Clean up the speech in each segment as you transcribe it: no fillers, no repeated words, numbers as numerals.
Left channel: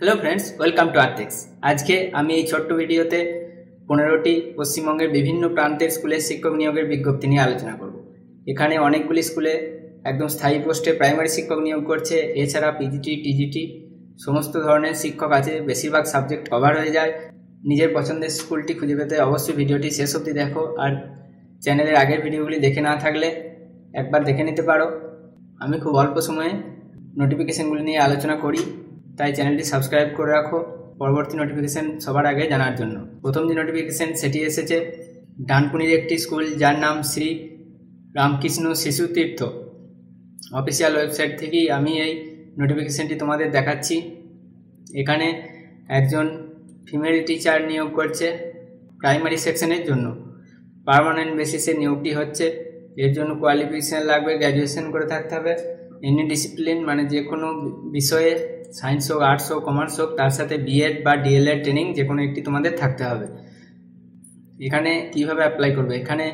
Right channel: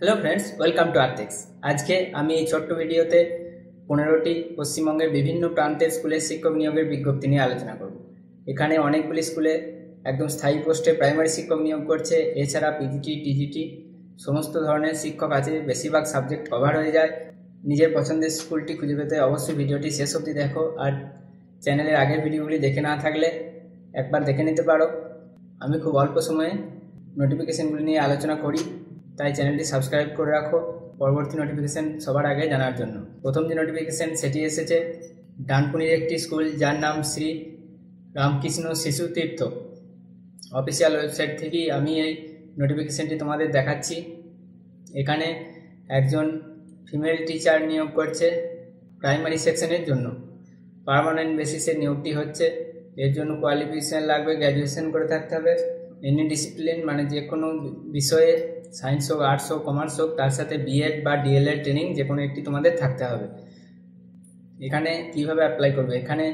Hello friends, welcome to Artex. আজকে আমি এই ছোট্ট ভিডিওতে 15টি পশ্চিমবঙ্গের বিভিন্ন প্রান্তের স্কুলের শিক্ষক নিয়োগের বিজ্ঞপ্তি নিয়ে আলোচনা করব। এখানে অনেকগুলি স্কুলে একদম স্থায়ী পোস্টে প্রাইমারি শিক্ষক নিয়োগ করছে। এছাড়া পিজিটি, টিজিটি সমস্ত ধরনের শিক্ষক আছে। বেশিরভাগ সাবজেক্ট কভার হয়ে যায়। নিজের পছন্দের স্কুলটি খুঁজে পেতে অবশ্যই ভিডিওটি শেষ অবধি দেখো। আর চ্যানেলের আগের ভিডিওগুলি দেখে না থাকলে একবার দেখে নিতে পারো। আমি খুব অল্প সময়ে নোটিফিকেশনগুলি নিয়ে আলোচনা করি, তাই চ্যানেলটি সাবস্ক্রাইব করে রাখো পরবর্তী নোটিফিকেশন সবার আগে জানার জন্য। প্রথম যে নোটিফিকেশন সেটি এসেছে ডানকুনির একটি স্কুল, যার নাম শ্রী রামকৃষ্ণ শিশু তীর্থ। অফিসিয়াল ওয়েবসাইট থেকেই আমি এই নোটিফিকেশনটি তোমাদের দেখাচ্ছি। এখানে একজন ফিমেল টিচার নিয়োগ করছে প্রাইমারি সেকশনের জন্য। পার্মানেন্ট বেসিসে নিয়োগটি হচ্ছে। এর জন্য কোয়ালিফিকেশান লাগবে, গ্র্যাজুয়েশন করে থাকতে হবে। এনি ডিসিপ্লিন মানে যে কোনো বিষয়ে, সায়েন্স হোক, আর্টস হোক, কমার্স হোক, তার সাথে বিএড বা ডিএলএড ট্রেনিং যে কোনো একটি তোমাদের থাকতে হবে। এখানে কিভাবে অ্যাপ্লাই করবে, এখানে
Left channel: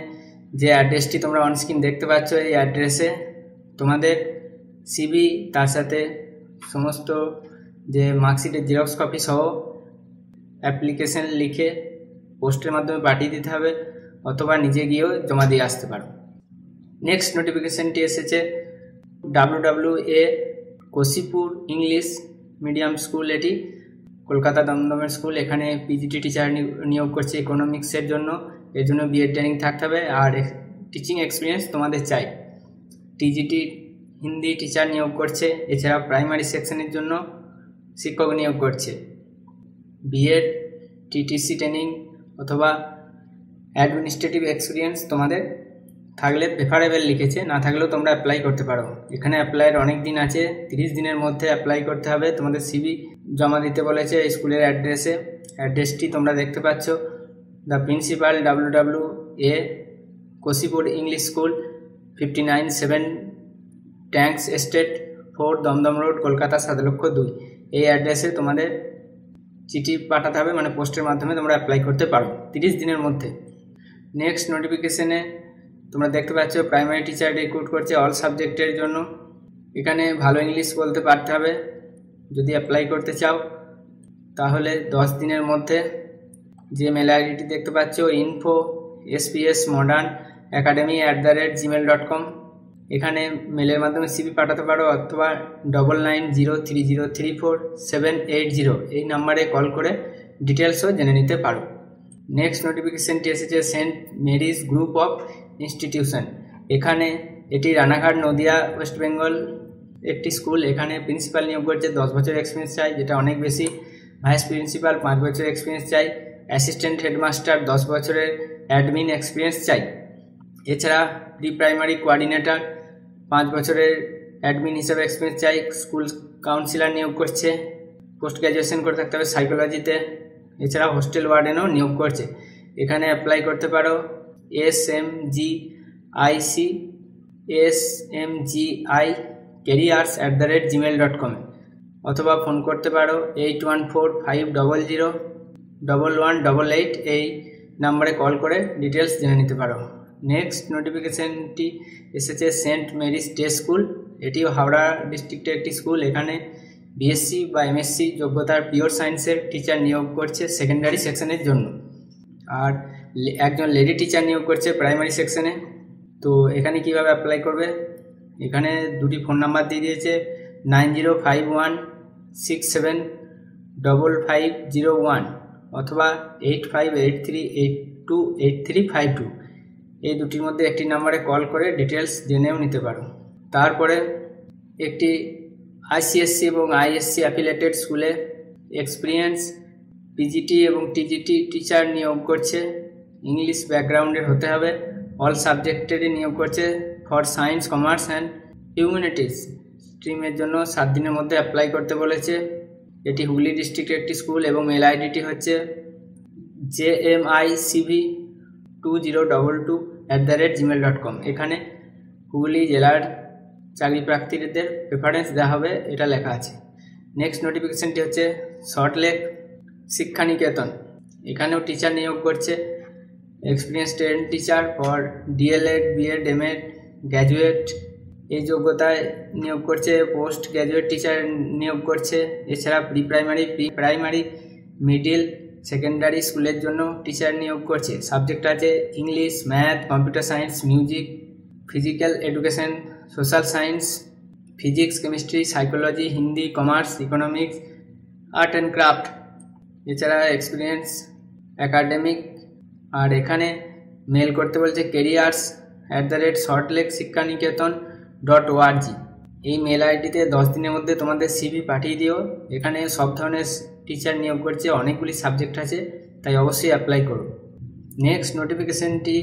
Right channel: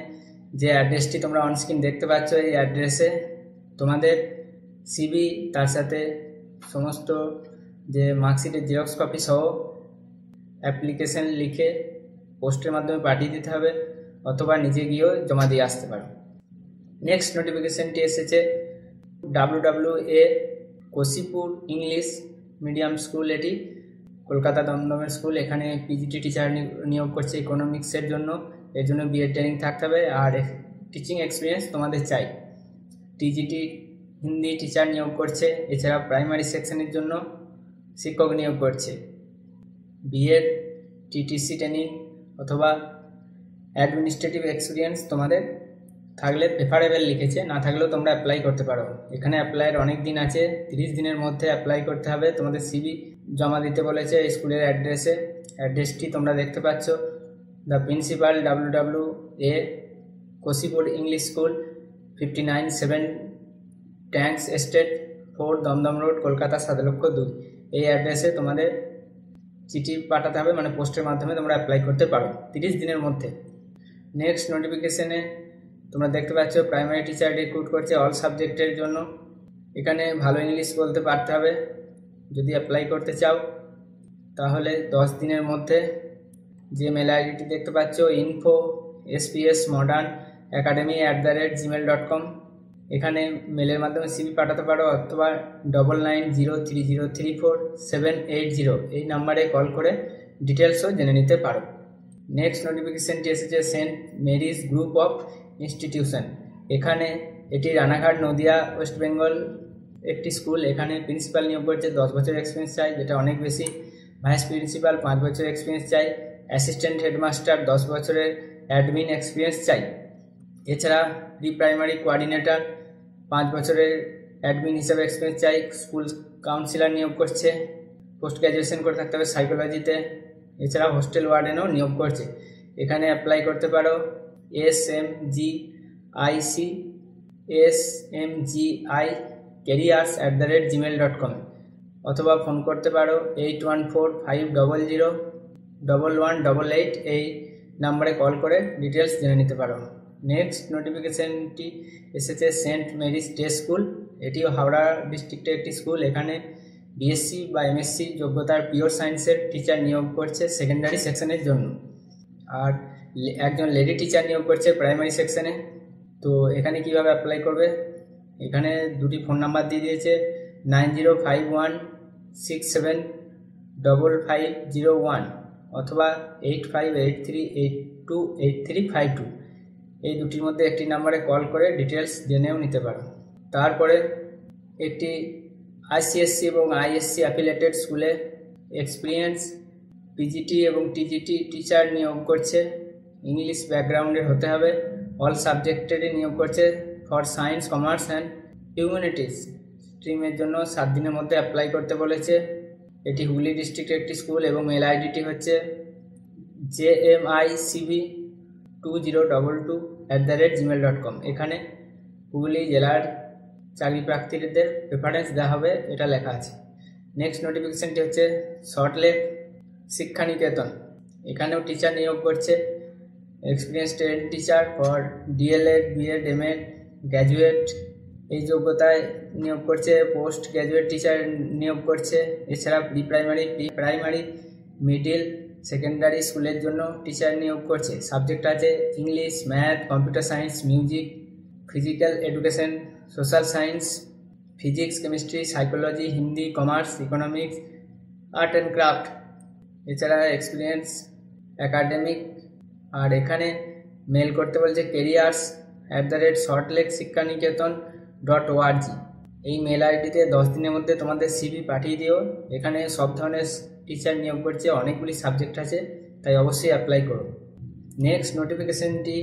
যে অ্যাড্রেসটি তোমরা অনস্ক্রিন দেখতে পাচ্ছ, এই অ্যাড্রেসে তোমাদের সিভি, তার সাথে সমস্ত যে মার্কশিটের জেরক্স কপি সহ অ্যাপ্লিকেশন লিখে পোস্টের মাধ্যমে পাঠিয়ে দিতে হবে, অথবা নিজে গিয়েও জমা দিয়ে আসতে পারো। নেক্সট নোটিফিকেশনটি এসেছে WWA কোশিপুর ইংলিশ মিডিয়াম স্কুল। এটি কলকাতা দমদমের স্কুল। এখানে পিজিটি টিচার নিয়োগ করছে ইকোনমিক্সের জন্য। এর জন্য বিএড ট্রেনিং থাকতে হবে আর টিচিং এক্সপিরিয়েন্স তোমাদের চাই। টিজিটি হিন্দি টিচার নিয়োগ করছে। এছাড়া প্রাইমারি সেকশনের জন্য শিক্ষক নিয়োগ করছে। বিএড, টিটিসি ট্রেনিং অথবা অ্যাডমিনিস্ট্রেটিভ এক্সপিরিয়েন্স তোমাদের থাকলে প্রেফারেবল লিখেছে, না থাকলেও তোমরা অ্যাপ্লাই করতে পারো। এখানে অ্যাপ্লাইয়ের অনেক দিন আছে, 30 দিনের মধ্যে অ্যাপ্লাই করতে হবে। তোমাদের সিভি জমা দিতে বলেছে এই স্কুলের অ্যাড্রেসে। অ্যাড্রেসটি তোমরা দেখতে পাচ্ছ, the principal WWA কোশিপুর English school, 59-7 tanks estate 4 Dumdum road, Kolkata 7,02,000। এই অ্যাড্রেসে তোমাদের চিঠি পাঠাতে হবে, মানে পোস্টের মাধ্যমে তোমরা অ্যাপ্লাই করতে পারো 30 দিনের মধ্যে। নেক্সট নোটিফিকেশনে তোমরা দেখতে পাচ্ছ প্রাইমারি টিচার রিক্রুট করছে অল সাবজেক্টের জন্য। এখানে ভালো ইংলিশ বলতে পারতে হবে যদি অ্যাপ্লাই করতে চাও। তাহলে 10 দিনের মধ্যে যে মেল আইডিটি দেখতে পাচ্ছ info@spsmodernacademy@gmail.com, এখানে মেলের মাধ্যমে সিভি পাঠাতে পারো, অথবা 9903034780 এই নাম্বারে কল করে ডিটেলসও জেনে নিতে পারো। নেক্সট নোটিফিকেশনটি এসেছে Saint Mary's group of institution. এখানে এটি রানাঘাট, নদিয়া, ওয়েস্ট বেঙ্গল একটি স্কুল। এখানে প্রিন্সিপাল নিয়োগ করছে, 10 বছর এক্সপিরিয়েন্স চাই, যেটা অনেক বেশি। ভাইস প্রিন্সিপাল 5 বছর এক্সপিরিয়েন্স চাই। অ্যাসিস্ট্যান্ট হেডমাস্টার 10 বছরের অ্যাডমিন এক্সপিরিয়েন্স চাই। এছাড়া প্রি প্রাইমারি কোঅর্ডিনেটর 5 বছরের অ্যাডমিন হিসেবে এক্সপিরিয়েন্স চাই। স্কুল কাউন্সিলর নিয়োগ করছে, পোস্ট গ্র্যাজুয়েশন করে থাকতে হবে সাইকোলজিতে। এছাড়া হোস্টেল ওয়ার্ডেনও নিয়োগ করছে। এখানে অ্যাপ্লাই করতে পারো smgi careers@gmail.com, অথবা ফোন করতে পারো 8145001188 এই নাম্বারে কল করে ডিটেলস জেনে নিতে পারো। নেক্সট নোটিফিকেশনটি এসেছে সেন্ট মেরিজ ডে স্কুল। এটিও হাওড়া ডিস্ট্রিক্টের একটি স্কুল। এখানে বিএসসি বা এমএসসি যোগ্যতার পিওর সায়েন্সের টিচার নিয়োগ করছে সেকেন্ডারি সেকশনের জন্য। আর একজন লেডি টিচার নিয়োগ করছে প্রাইমারি সেকশনে। তো এখানে কিভাবে অ্যাপ্লাই করবে, এখানে দুটি ফোন নাম্বার দিয়ে দিয়েছে, 9051675501 অথবা 8583828352। এই দুটির মধ্যে একটি নাম্বারে কল করে ডিটেলস জেনেও নিতে পারো। তারপরে একটি আইসিএসসি এবং আইএসসি অ্যাফিলিয়েটেড স্কুলে এক্সপিরিয়েন্স পিজিটি এবং টিজিটি টিচার নিয়োগ করছে। ইংলিশ ব্যাকগ্রাউন্ডের হতে হবে। অল সাবজেক্টেরই নিয়োগ করছে for science, commerce and humanities স্ট্রিমের জন্য 7 দিনের মধ্যে অ্যাপ্লাই করতে বলেছে। এটি হুগলি ডিস্ট্রিক্টের একটি স্কুল এবং মেল আইডিটি হচ্ছে jmicv2022@gmail.com। এখানে হুগলি জেলার চাকরি প্রার্থীদের প্রেফারেন্স দেওয়া হবে, এটা লেখা আছে। নেক্সট নোটিফিকেশনটি হচ্ছে সল্টলেক শিক্ষানিকেতন। এখানেও টিচার নিয়োগ করছে, experience trained teacher for DElEd, BEd, MEd, graduate এই যোগ্যতায় নিয়োগ করছে। পোস্ট গ্র্যাজুয়েট টিচার নিয়োগ করছে। এছাড়া প্রাইমারি মিডিল সেকেন্ডারি স্কুলের জন্য টিচার নিয়োগ করছে। সাবজেক্ট আছে English, math, computer science, music, physical education, social science, physics, chemistry, psychology, Hindi, commerce, economics, art and craft. এছাড়া এক্সপিরিয়েন্স, একাডেমিক। আর এখানে মেল করতে বলছে careers@saltlakesikhaniketan.org। এই মেল আইডিতে 10 দিনের মধ্যে তোমাদের সিভি পাঠিয়ে দিও। এখানে সব ধরনের টিচার নিয়োগ করছে, অনেকগুলি সাবজেক্ট আছে, তাই অবশ্যই অ্যাপ্লাই করো। নেক্সট নোটিফিকেশনটি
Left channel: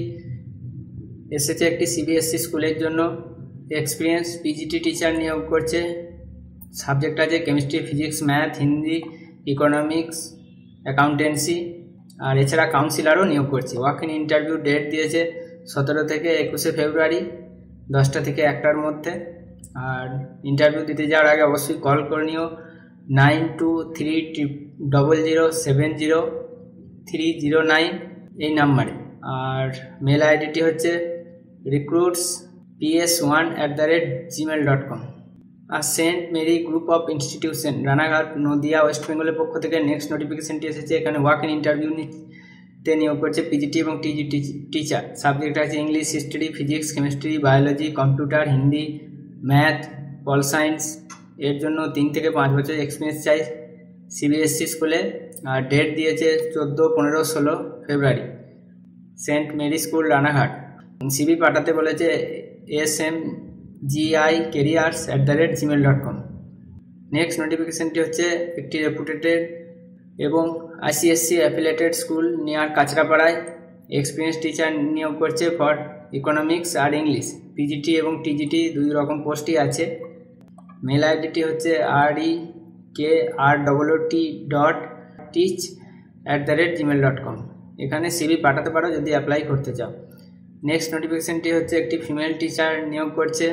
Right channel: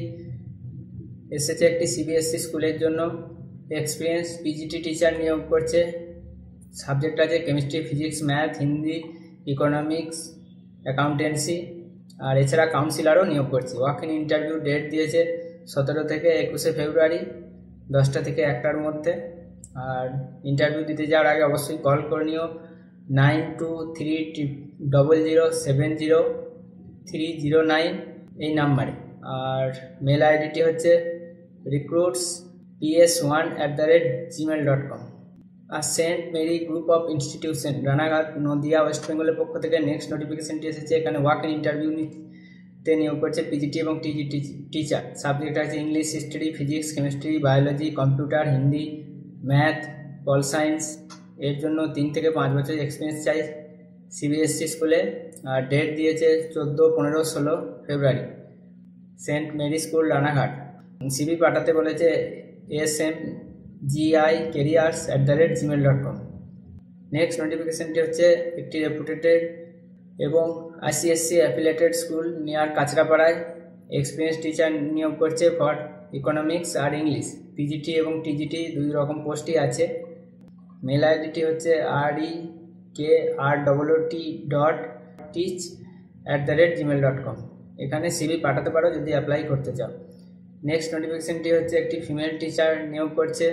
এসেছে একটি সিবিএসসি স্কুলের জন্য। এক্সপিরিয়েন্স পিজিটি টিচার নিয়োগ করছে। সাবজেক্ট আছে chemistry, physics, math, Hindi, economics, accountancy. আর এছাড়া কাউন্সিলারও নিয়োগ করছে। ওয়াক ইন ইন্টারভিউ ডেট দিয়েছে 17 থেকে 21 ফেব্রুয়ারি 10টা থেকে 1টার মধ্যে। আর ইন্টারভিউ দিতে যাওয়ার আগে অবশ্যই কল করে নিও 9230070309 এই নাম্বারে। আর মেল আইডিটি হচ্ছে recruitsps1@gmail.com। আর Saint Mary group of institution, Ranaghat, Nadia, West বেঙ্গলের পক্ষ থেকে নেক্সট নোটিফিকেশনটি এসেছে। এখানে ওয়াক ইন ইন্টারভিউতে নিয়োগ করছে পিজিটি এবং টিজিটি টিচার। সাবজেক্ট আছে English, history, physics, chemistry, biology, computer, Hindi, math, pol science. এর জন্য 3 থেকে 5 বছর এক্সপিরিয়েন্স চাই সিবিএসসি স্কুলে। আর ডেট দিয়েছে 14, 15, 16 February. Saint Mary school, Ranaghat. CV পাঠাতে বলেছে smgicareers@gmail.com। নেক্সট নোটিফিকেশনটি হচ্ছে একটি রেপুটেড এবং আইসিএসসি অ্যাফিলিয়েটেড স্কুল নিয়ার কাঁচরাপাড়ায়। এক্সপিরিয়েন্স টিচার নিয়োগ করছে ফর ইকোনমিক্স আর ইংলিশ। পিজিটি এবং টিজিটি 2 রকম পোস্টই আছে। মেল আইডিটি হচ্ছে rekrwt.teach@gmail.com। এখানে সিভি পাঠাতে পারো যদি অ্যাপ্লাই করতে চাও। নেক্সট নোটিফিকেশনটি হচ্ছে একটি ফিমেল টিচার নিয়োগ করছে।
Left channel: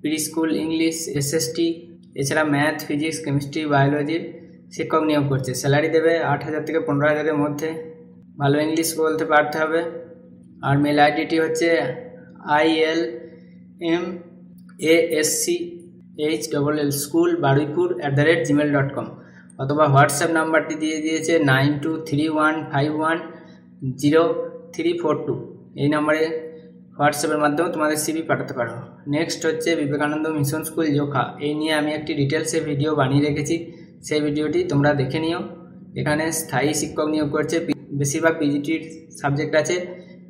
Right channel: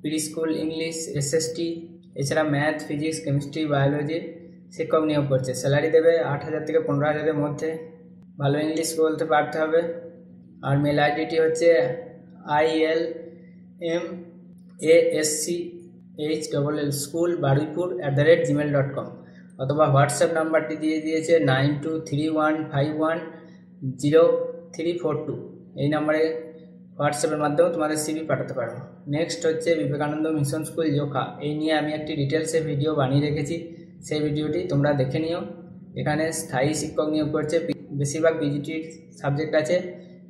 প্রি স্কুল, ইংলিশ, এসএসটি, এছাড়া ম্যাথ, ফিজিক্স, কেমিস্ট্রি, বায়োলজি শিক্ষক নিয়োগ করছে। স্যালারি দেবে 8,000 থেকে 15,000-এর মধ্যে। ভালো ইংলিশ বলতে পারতে হবে। আর মেল আইডিটি হচ্ছে ilmaschoool@baruipur@gmail.com। অথবা হোয়াটসঅ্যাপ নাম্বারটি দিয়ে দিয়েছে 9231510342। এই নাম্বারে হোয়াটসঅ্যাপের মাধ্যমে তোমাদের সিভি পাঠাতে পারো। নেক্সট হচ্ছে বিবেকানন্দ মিশন স্কুল, জোখা। এই নিয়ে আমি একটি ডিটেলসে ভিডিও বানিয়ে রেখেছি, সেই ভিডিওটি তোমরা দেখে নিও। এখানে স্থায়ী শিক্ষক নিয়োগ করছে। বেশিরভাগ পিজিটির সাবজেক্ট আছে,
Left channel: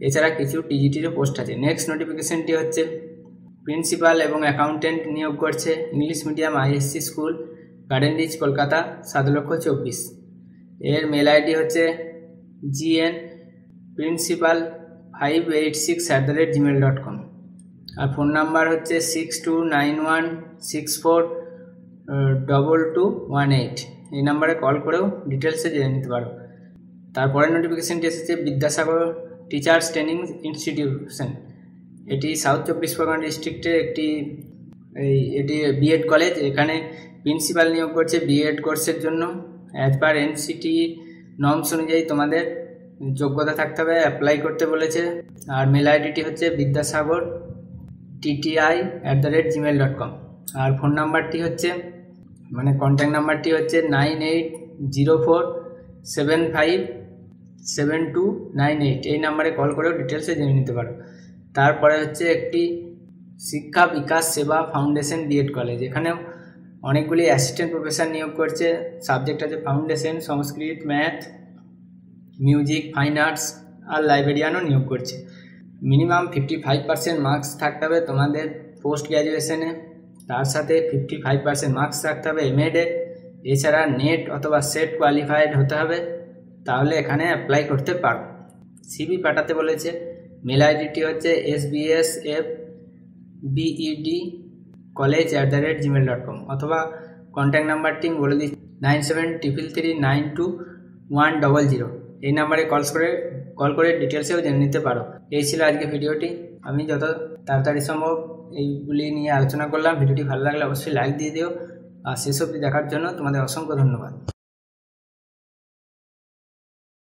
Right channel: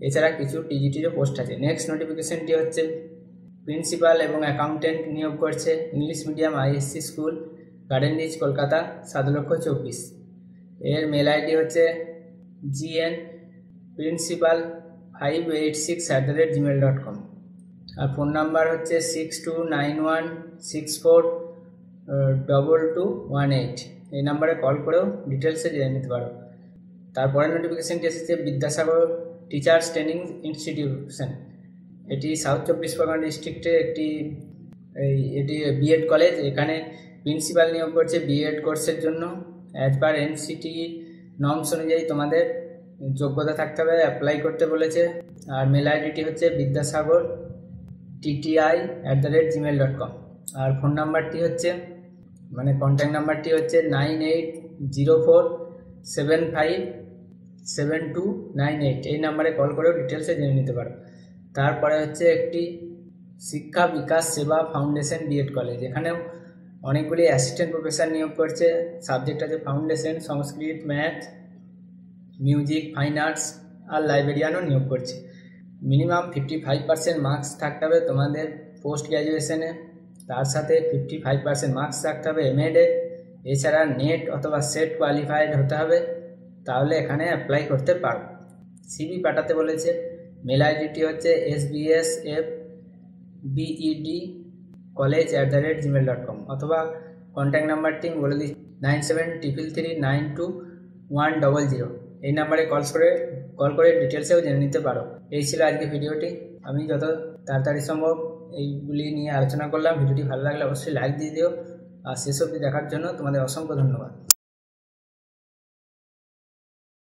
এছাড়া কিছু টিজিটিরও পোস্ট আছে। নেক্সট নোটিফিকেশনটি হচ্ছে প্রিন্সিপাল এবং অ্যাকাউন্টেন্ট নিয়োগ করছে। English medium ISC school, Garden Reach, Kolkata, 7,24,000। এর মেল আইডি হচ্ছে gnprincipal586@gmail.com। আর ফোন নাম্বার হচ্ছে 6291642218। এই নাম্বারে কল করেও ডিটেলসে জেনে নিতে পারো। তারপরে নোটিফিকেশনটি এসেছে বিদ্যাসাগর টিচার্স ট্রেনিং ইনস্টিটিউশন। এটি সাউথ 24 পরগনা ডিস্ট্রিক্টের এটি বিএড কলেজ। এখানে প্রিন্সিপাল নিয়োগ করছে বিএড কোর্সের জন্য। অ্যাজ পার এনসিটি নর্মস অনুযায়ী তোমাদের যোগ্যতা থাকতে হবে, অ্যাপ্লাই করতে বলেছে। আর মেল আইডিটি হচ্ছে vidyasagartti@gmail.com। আর ফোন নাম্বারটি হচ্ছে কন্ট্যাক্ট নাম্বারটি হচ্ছে 9804757298। এই নাম্বারে কল করেও ডিটেলসে জেনে নিতে পারো। তারপরে হচ্ছে একটি শিক্ষা বিকাশ সেবা ফাউন্ডেশন বিএড কলেজ। এখানেও অনেকগুলি অ্যাসিস্ট্যান্ট প্রফেসর নিয়োগ করছে। সাবজেক্ট আছে ফাউন্ডেশন, সংস্কৃত, ম্যাথ, মিউজিক, ফাইন আর্টস। আর লাইব্রেরিয়ানও নিয়োগ করছে। মিনিমাম 55% মার্কস থাকতে হবে তোমাদের পোস্ট গ্র্যাজুয়েশনে। তার সাথে 55% মার্কস থাকতে হবে এমএডে। এছাড়া নেট অথবা সেট কোয়ালিফাইড হতে হবে, তাহলে এখানে অ্যাপ্লাই করতে পারো। সিভি পাঠাতে বলেছে। মেল আইডিটি হচ্ছে sbsfbedcollege@gmail.com। অথবা কন্ট্যাক্ট নাম্বারটি বলে দিচ্ছি 9733392100। এই নাম্বারে কল করে ডিটেলসেও জেনে নিতে পারো। এই ছিল আজকে ভিডিওটি। আমি যত তাড়াতাড়ি সম্ভব এইগুলি নিয়ে আলোচনা করলাম। ভিডিওটি ভালো লাগলে অবশ্যই লাইক দিয়ে দিও। আর শেষ অবধি দেখার জন্য তোমাদের অসংখ্য ধন্যবাদ।